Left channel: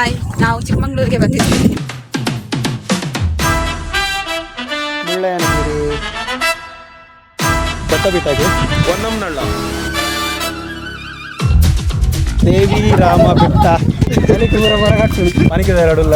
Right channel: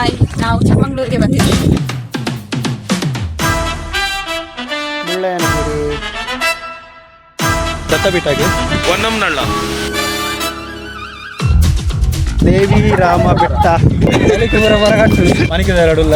Hi, ನಾವು ಚಿಕ್ಕಮಂಗ್ಳೂರಿಗೆ ಬಂದಿದ್ದೀವಿ. ಮುಳ್ಳಯ್ಯನಗಿರಿ, ದತ್ತಪೀಠಗೆ, ಹೊನ್ನಂನಳ್ಳ, ದೇವಿ ರಾಮ ಬೆಟ್ಟ, ಮನೆಗೆ ಎರಡುಲ್ಲ.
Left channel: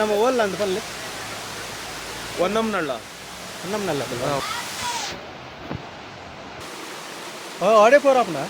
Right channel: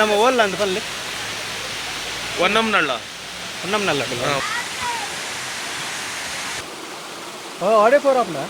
ನಮ್ಮ ಓಲ್ಲ ಅಂತ ಪಲ್ಲೆ ಹೊನ್ನಂನಳ್ಳ ಆಡೆ ಫೋರ್ आपला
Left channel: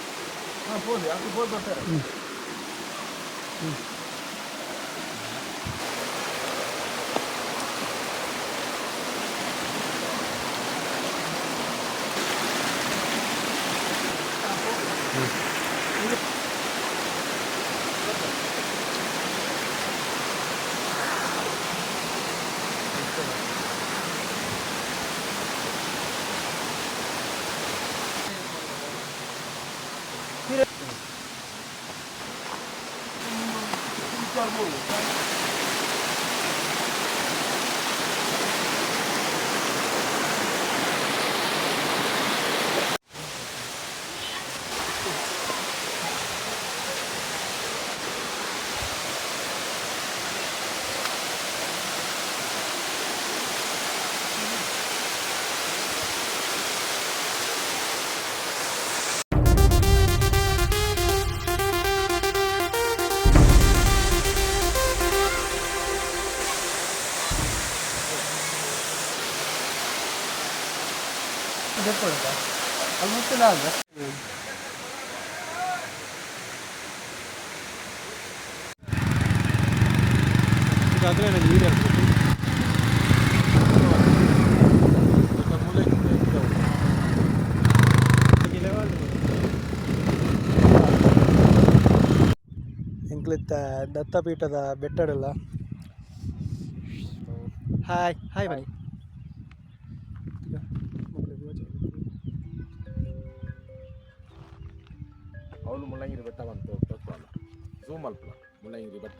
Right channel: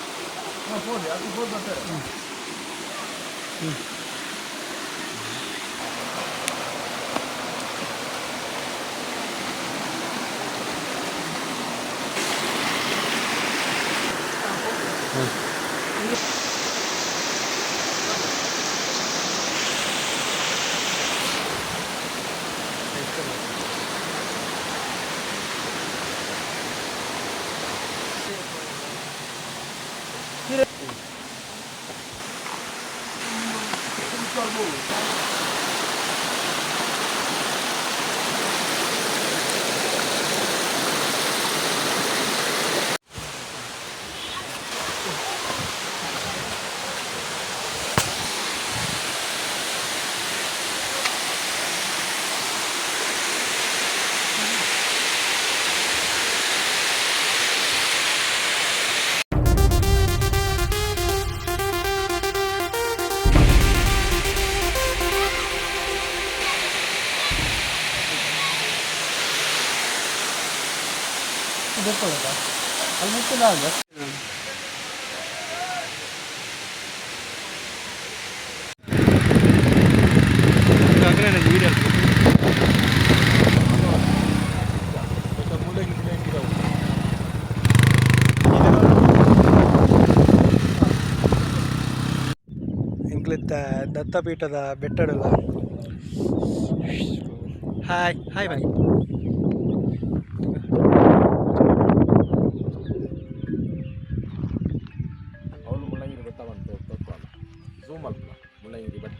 ಅಲ್ಲಿ ಮುಟ್ಟಿಲ್ಲ ಅಂದ್ರೆ ಎಂಕ್ಲಿತ್ತ ದತ್ತಪೀಠದ ಬೆಟ್ಟಡಲ್ಲ. ಹಾಯ್ ಹಾಯ್ ಬನ್ನಿ. ಅವನು ಮುಳ್ಳಂಗಿರಿ ಬೆಟ್ಟ ಬಂತು ತತ್ವಲ್ಲ ಝೂಮ್ ಅಲ್ಪ ಮುಳ್ಳಂಗಿರಿ ಬೆಟ್ಟ.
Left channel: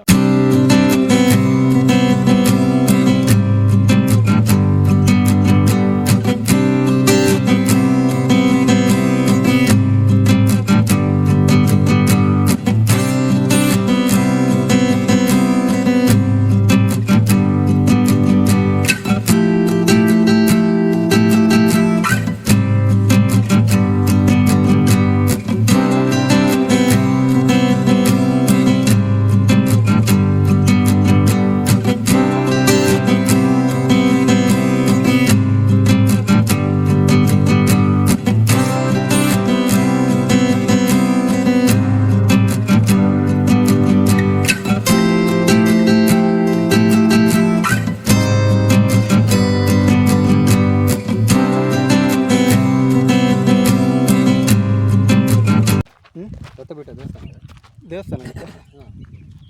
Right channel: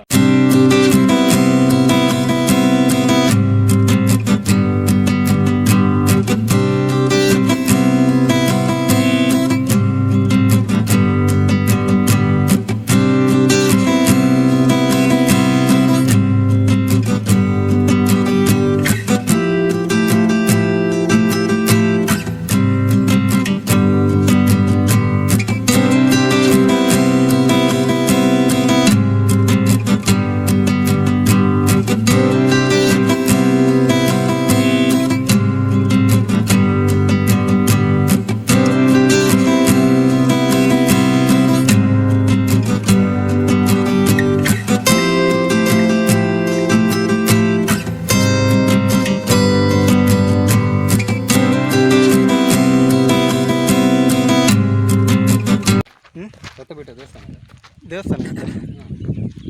ದೇವಸ್ಥಾನ ಅಂತ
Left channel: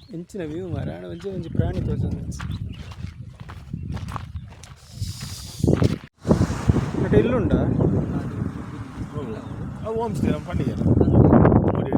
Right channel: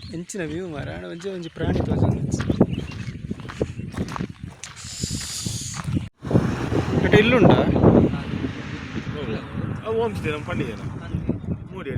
ಹೆಂಚಿನ ವ್ಯೂ ಮಾರಾಣ ಒಂಜಿ ಒಂಜಿ ಪ್ರಾಣಿ ತೋಜೊಂದು ಅಟ ಇಲ್ಲುಂಡ ಹೋಮ್ ಸ್ಟೇ ನಮ್ಮ ಪಂಡಿಗೆ ನೋಡಿ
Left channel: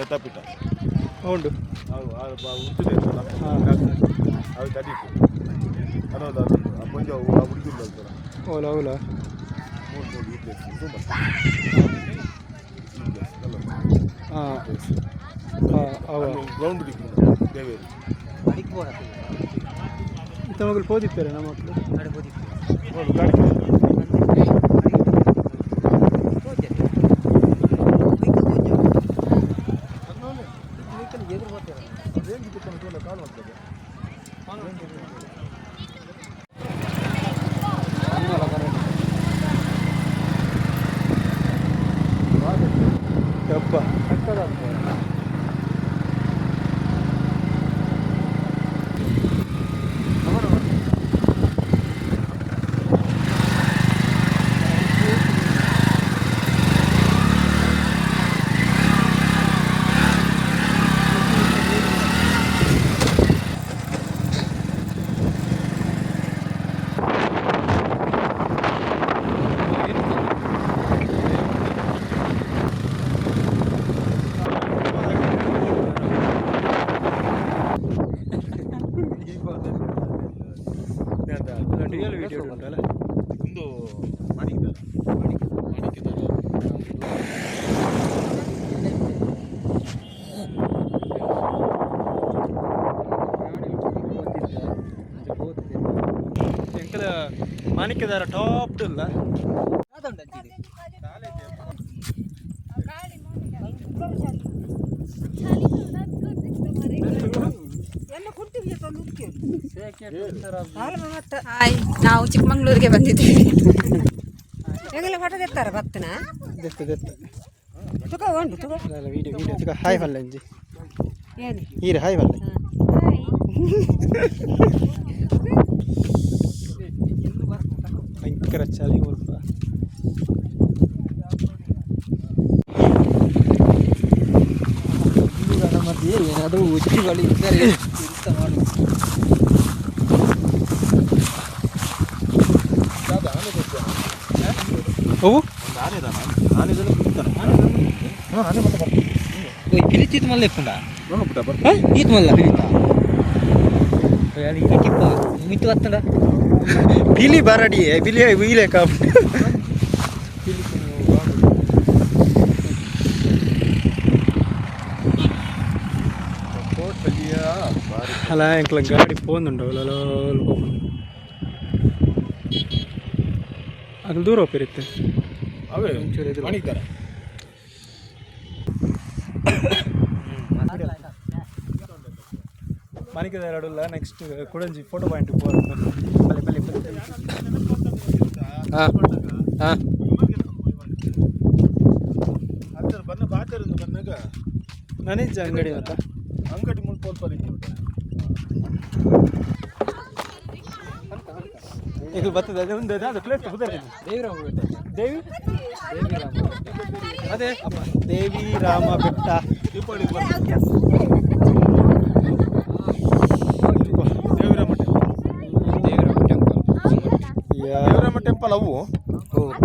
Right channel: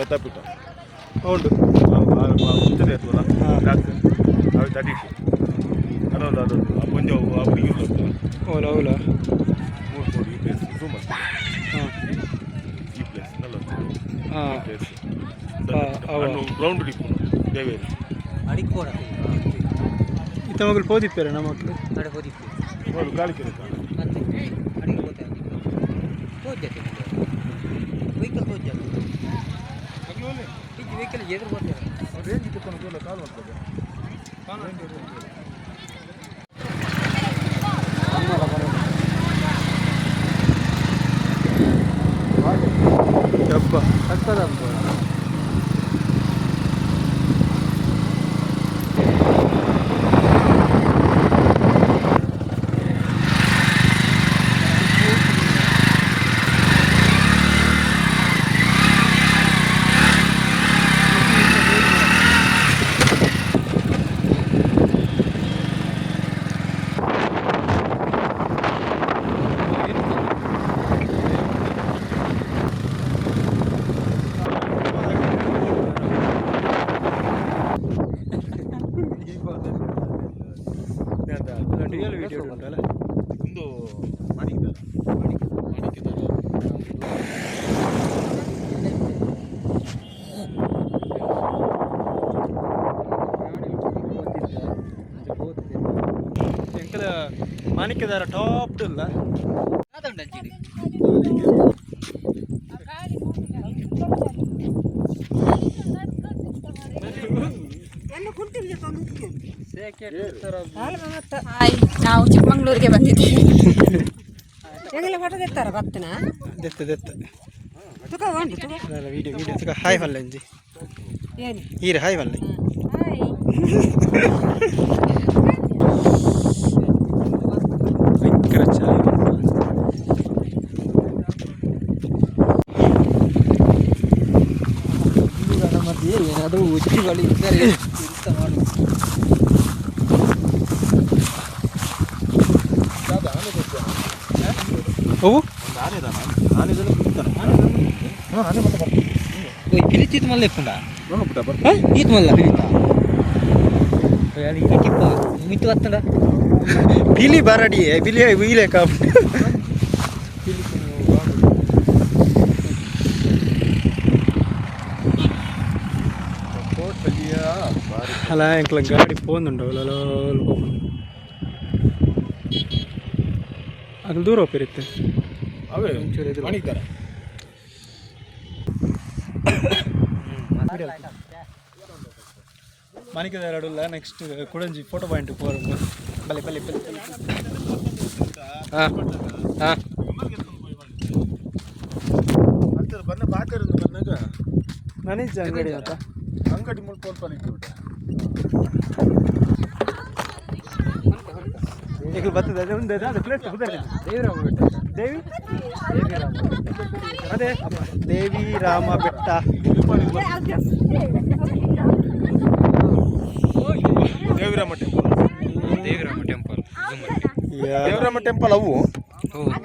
ಬೆತ್ತಪೀಠ ಉಂಟು ಮುಂಚೆನೇ ಇರ್ತಲ್ಲ ಅವು ತಡಿಟ್ಟು ಅದೊಂದು ಅದೊಂದು ಆ ಪಂಜ ಆ ಹುಡುಗಿ ಬರ್ತಲ್ಲ ಓಲ ಓಲ 3 ಕೋಟಿ ಈ ಪ್ಲೇಸ್ ಝೂಮ್ ಅಂತ ಈ ಪ್ಲೇಸ್ ಅಲ್ಲ ಹಾಂ ಪ್ಲೇಸ್ ಅವ ಗ್ರೌಂಡ್ ಡಿಪ್ಪು ದೇವೇರಿ ಇತ್ತ ಮಗಳು ಪೋದಿಪ್ಪೇರೆ ನಮ್ಮ ಮಕ್ಕಳು ಗಾಡಿ ಯಪ್ಪ ರಿಯಲ್ ವಿಡಿಯೋ ಉಂಟಲ್ಲ ಒಂದು ಮಾಡಿದ್ದಾರೆ ಎಂಕಲ ಮಾಣಿಕ್ಯದಾರ ಟಾಪ್ ಇಲ್ಲ ಹಾಯ್ ನಾವು ಚಿಕ್ಕಮಂಗ್ಳೂರಿಗೆ ಬಂದಿದ್ದೇವೆ ಹೆಂಗೆಲ್ಲ ಫೋಟೋ ತೆತ್ತಾರ ಬತ್ತನ ದೆತ್ತ ದೆತ್ತ ತುಕ ಉಂಟು ತುಕ ಅಲ್ಲ ವಿಡಿಯೋ ವಿಡಿಯೋ ತುಕ ಹಾಯ್ ಮಲ್ಲ ಅಂಜಿ ಏನು ಈರ ಹಾಯ್ ಮಲ್ಲ ಭಯಂಕರ ಚಾಯ್ ಮಧ್ಯೆ ಏನಾದರೂ ಉಚಿತಗಳು ಇದ್ದರೆ ಎಂತ ಮಾಡು ಅವು పిలిచిత్ మళ్ళీ ఎప్పుడా ఈత్ మళ్ళీ పిలిత మిత్తు వస్తుందా ಬಿಲಿ ಬರಡಿ ಬಿಲಿ ವೀಲೆ ಕಾಪ್ ಅಲ್ಲ ಎಂಕ್ಲ ಗಾಡಿ ಪೋಂದುಂಡು ಅದು ದೂರ ಹೋಗಿರುತ್ತೆ ಅವೇ ಮಾಡಿದ್ದಾರೆ ಮನಿಕದ ಎರಡಲ್ಲ ನೆಕ್ಸ್ಟ್ ಕುಡಂಜಿ ಫೋಟೋ ಪಾಯಿಂಟ್ ಪಲ್ಲಿ ಪಲ್ಲಿ ಪಲ್ಲಿ ಹಾಂ ಹಾಂ ಬನ್ನ ಬಾತರಿಂದ ಬಂದಾಗ ನನೀಜ ಅಂಗಡಿ ಅಂತ ಅಂಗಡಿ ಮುಲ್ಪ ಈಗ ಬರ್ತದೆ ಅದೇ ಒಂದು ಅದು ಪ್ಲೇಸ್ ದೇವಿರಾಮ ಬೆಟ್ಟ ದೇವಿ ಅದೇ ದೇವಿ ರಾಮ ಬೆಟ್ಟ ದೇವರಾಮ ಟೆಂಪಲ್ ಅವು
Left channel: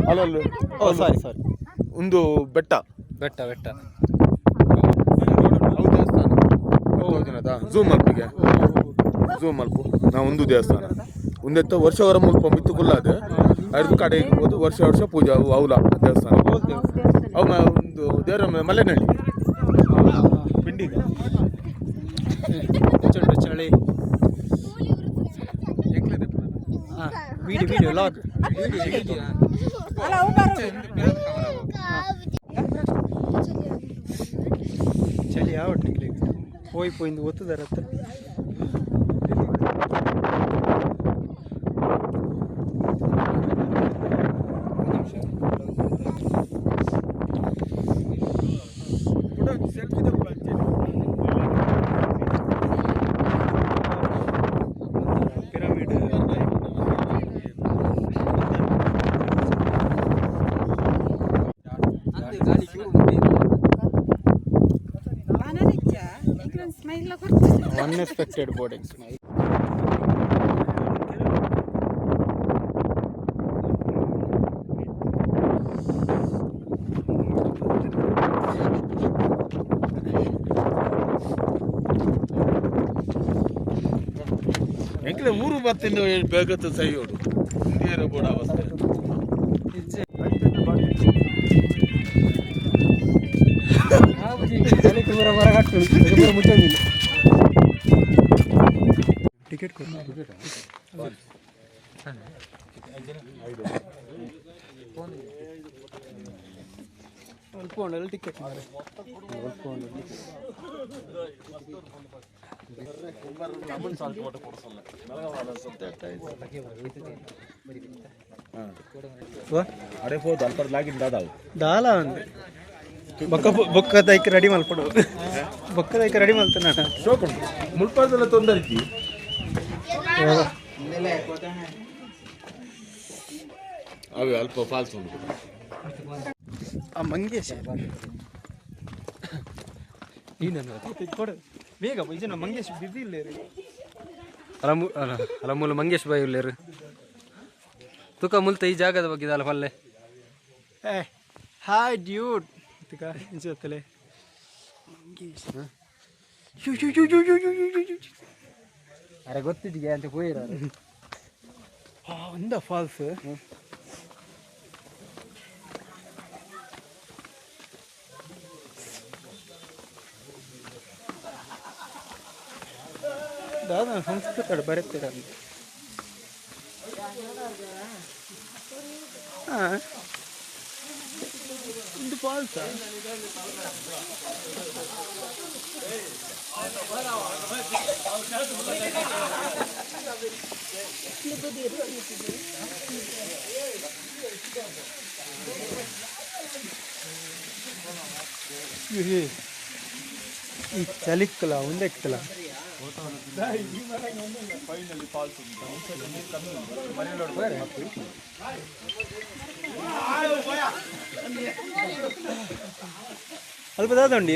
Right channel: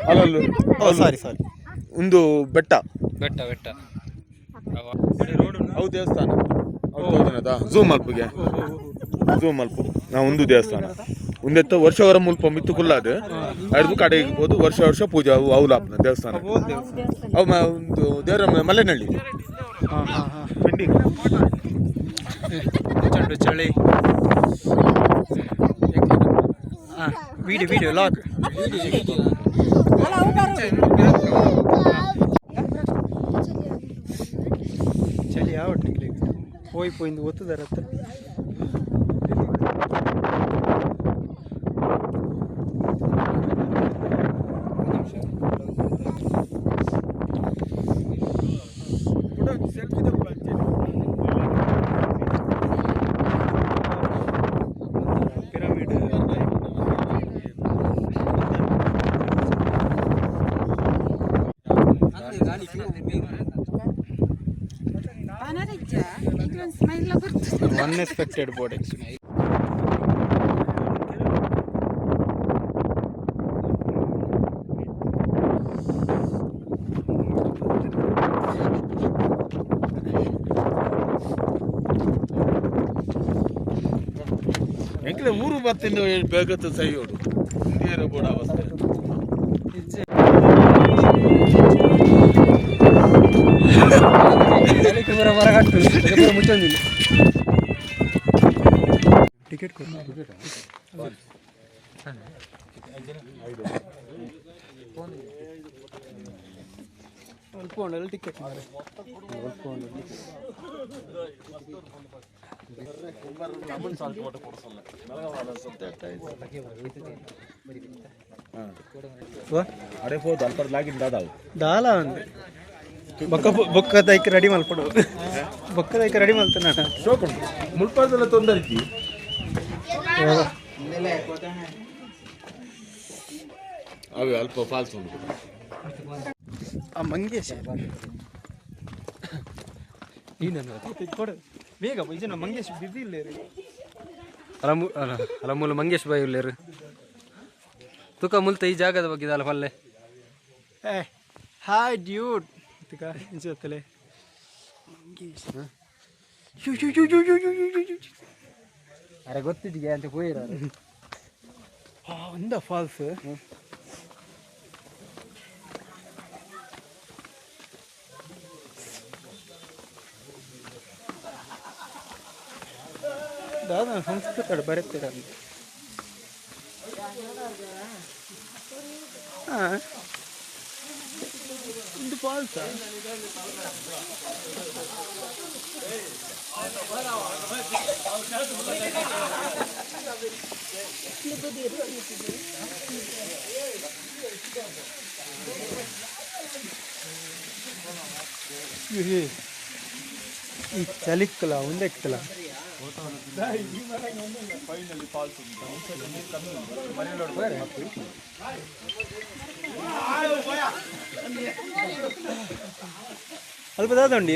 ಅಲ್ಲಲ್ಲಿ ಓ ಸಾರಿ ಸಾರಿ ಒಂದು ಬೆಟ್ಟ ಬೆಟ್ಟ ಬೆಟ್ಟ ಅವು ದೇವಸ್ಥಾನ ಝೂ ಮಲ್ಪಿಗೆ ಝೂ ಮಲ್ಪು ನಾ ಒಂದು ದೇವಸ್ಥಾನ ಒಂದೆತ್ತ ವರ್ಷವರ ಮುಲ್ಪ ಮಿತ್ತು ಕುಲ್ಲಾದ ಅರ್ದು ಕಡೆ ಹೋದು ವರ್ಷ ವರ್ಷ ಪೂಜೆ ಅವು ಅವಲ ದೇವಸ್ಥಾನ ಅವು ದೇವರ ಮಲೆನಹಳ್ಳಿ ಪೆಂಡಿಂಗ್ ಚಂಡು ಚಳಿ ಹಾಂ ವಿಡಿಯೋ ಲಾಕ್ ಚಳಿ ಯಾವ ಹೋಯ್ದು ಒತ್ತುದಾರತ್ತ unexpected board experience. ಎಂಕಲೆ ಊರು ಬರ್ತಿಂದ ಬೇಗತ್ತು ಸೈಯೋಡು ಇಂಡಿಯರ ಬೋರ್ಡ್ ಅವಸ್ಥೆ ಮುಚ್ಚಂದಿಲ್ಲ ಟಿಕೆಟ್ ಅಲ್ಪ ಉಂಡಲ್ಲ ಟಿಕೆಟ್ ಅರೆ ಹೋದ್ ಅಲ್ಪ ಲಾಗಿನ್ ದಾದಾವು ದಾಲ ಒಂದು ಬೊಕ್ಕದೈಕೆ ರೆಡಿ ಮಲ್ಪಡು ಬೊಕ್ಕದೈಕೆ ರೆಡಿ ಮಲ್ತಾನ ಶೋಕುಂಟು ಮುಲ್ಪಾದೆಲ್ಲ ತೊಂದರೆ ಇದ್ದಿ ಅವೆ ಅಲ್ಪ ಫಾಲ್ಸ್ ಉಂಟು ಆ ಮಂಗೇಶ ಕೊಡು ಬೇಗ ಇದನ್ನ ಮಂಗೇಶ್ ಬಿಸಿ ಇಲ್ಲೇರು ಅಲಮೂಲ ಮಂಗೇಶ್ ಬಾಯಿ ಉಳ್ಳೇರು ತುಕ ಮುಲ್ತ ಈ ಜಾಗದ ಬಗ್ಗೆ ಇದಲ್ಲ ಪಲ್ಲೆ ಏ ಹಾಯ್ ಡ್ಯೂಡ್ ಇನ್ಸತ್ತಲೆ ಮಂಗೇಶ್ ಅರೆ ಗೊತ್ತಿದ್ದಿಗೆ ಅಂತ ಹೋಯಿರ ಒಂದ ಫಾಲ್ಸ್ ದಾದ ಸಂಸ್ಕೃತ ಬರುತ್ತೀರ ಹಾಂ ಒಂದು ಫಾಲ್ಸ ಈ ಚಲಿಕ್ಕಲ ಒಂದೆಕ್ಕಲ ಅಲ್ಪ ದಾದಂಡಿ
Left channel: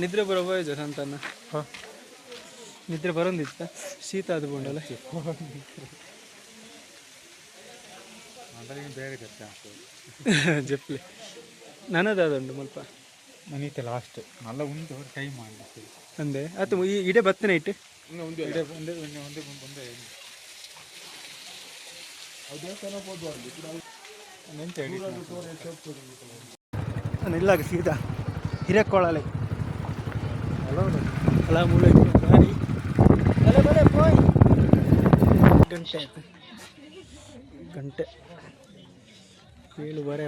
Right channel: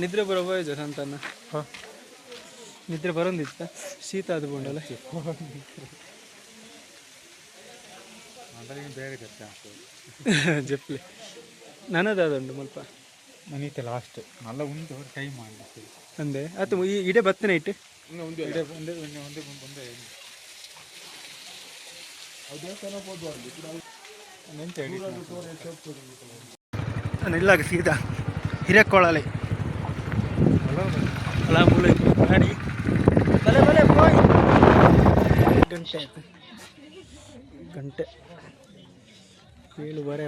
ನಿದ್ರೆ ಬರೋಬೋಯ್ತು ಸಂತಾನ ನಿದ್ರೆ ಬರೋದಿತ್ತ ಶೀತ ಅದು ಬಂಡಲ್ಲ ಜಪ್ಲಿ ನನ್ನದಾದುಂಡು ಮಲ್ಪ ಮನೀತೆ ಲಾಸ್ಟ್ ನಲ್ಲ ಉಂಟು ಟ್ರೈ ಮಾಡಿ ಅಂದೆ ಆಯ್ತು ಈ ಇಡೇ ಬತ್ತನೆ ಇಟ್ಟು ಇಲ್ಲಾಗ ಸೀದಾ ಹಿರಕ್ಕೊಳಲೆ ಅಲ್ಲ ಮೂಲ ಗಾಡಿ ಬಲೆ ಬಲೆ ಪೋಯ್ ಗಂಟೆ ಆಯ್ತು ಗಂಟೆ 7 ಬರೆ